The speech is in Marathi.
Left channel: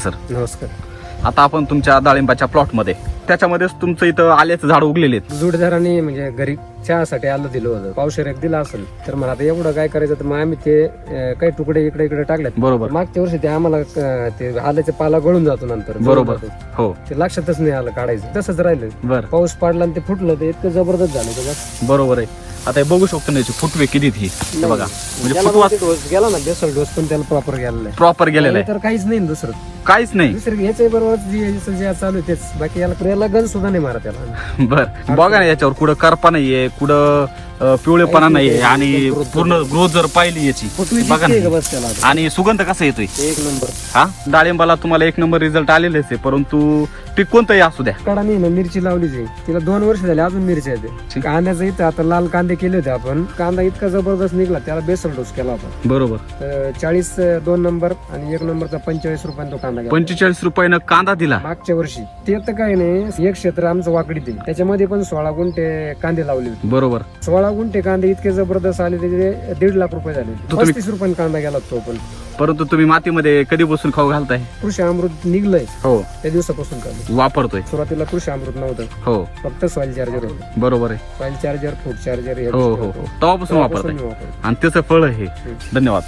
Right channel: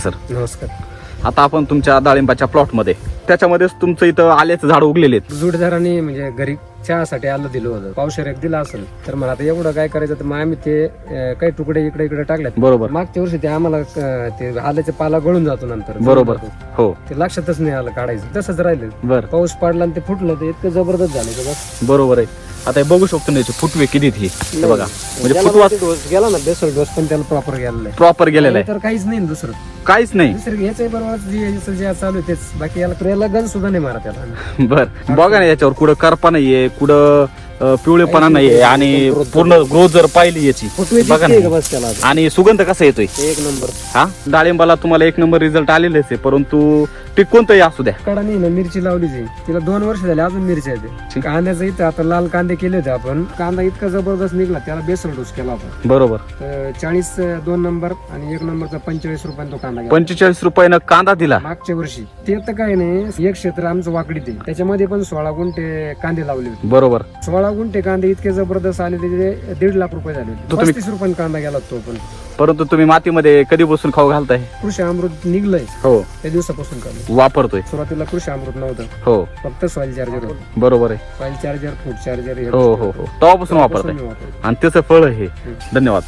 सर नमस्कार. आता आपण तुमच्या डाळिंबाच्या प्लॉट मध्ये त्याच्यामध्येच तुमचं इथं आल्याचं झाड उगलेले आहेत. जोडदारांनी म्हणजे घरी चहासाठी आलं दिलं होतं, पावशेर एक दिला असेल तर मला आता एवढं काय करायचं तर मग आम्ही ते काही तुकडे इकडे इकडे टाकलेत. बरोबर मागच्या वर्षी ते आम्हाला ते आल्याचा पाला गळून जातो नंतर बरोबर. हो ते लक्षातच नाही आलं काढायचं, तसंच राहिलं. बर पाऊस पडला आणि ते फुटलं, ते इतकं जबरदस्त झालं ते बस. बरोबर आहे. आता हे बघू शकतो ना याचे फुटवे किती हे बघा, म्हणजे फुटवा गेला ना दुसरं डोस पण त्याला प्रॉपर गेलेला आहे. प्रॉपर गेलेला आहे, तर काहीच नाही ना दुसरं, काहीच नाही. दुसरं ह्याच्या बरोबर जे चालू आहे तेच, बाकी याला गन सुद्धा नाही मारा त्याला. बर बघा ना याच्यावर कुठं करपा नाहीये, कुठं पिवळेपणा नाहीये आणि पूर्ण ग्रोथ जर पाहिली याची बघा ना. बस त्याला आणि सुगंध कसा येतोय एक नंबर. हा, डाळिंबाला तुम्हाला एक नंबर रिझल्ट आलेलेच आहे, परंतु पीक कोणतंही असू द्या. कडा नाही ना, मिरची लावलीच आहे तिला 2 वर्ष झाले, अजून मिरची आहे. ठीक. कांद्याचं इथं आता लाल कांदे केले होते आपण, कांदा इतका जबरदस्त निघला, त्याला बेसल डोस केला होता. बरोबर. तर 40 2 नंबर आणि 1 नंबरचा 45 रुपयांचा कांदा गेला 45 रुपयानं कांदा दिला मागच्या वर्षी. ते तर काय नाही, एक क्षेत्र आमचं वाकडी ते, त्याच्यामध्ये पण 16 गुंठे कांदे लावले होते. बरोबर. 16 गुंठे कांदे इतके जबरदस्त आले, त्याचे 1.5 लाख रुपये झाले होते. 35 रुपयांना कांदा गेला तो पण. परंतु तुम्ही मातीमध्ये कधीपासून खाऊ घालताय? कृषी अमृत निघलंय हो, त्या दिवसापासून चालू. वापरतोय. सुरुवातीला कृषी अमृत नव्हतं, हो फक्त सॉइल चार्जर होतं. बरोबर आहे. सॉइल चार्जर, फूड चार्जर हे हो हो हो, तेव्हापासून वापरताय वापरतो. आणि त्याचं फळ हे. धन्यवाद.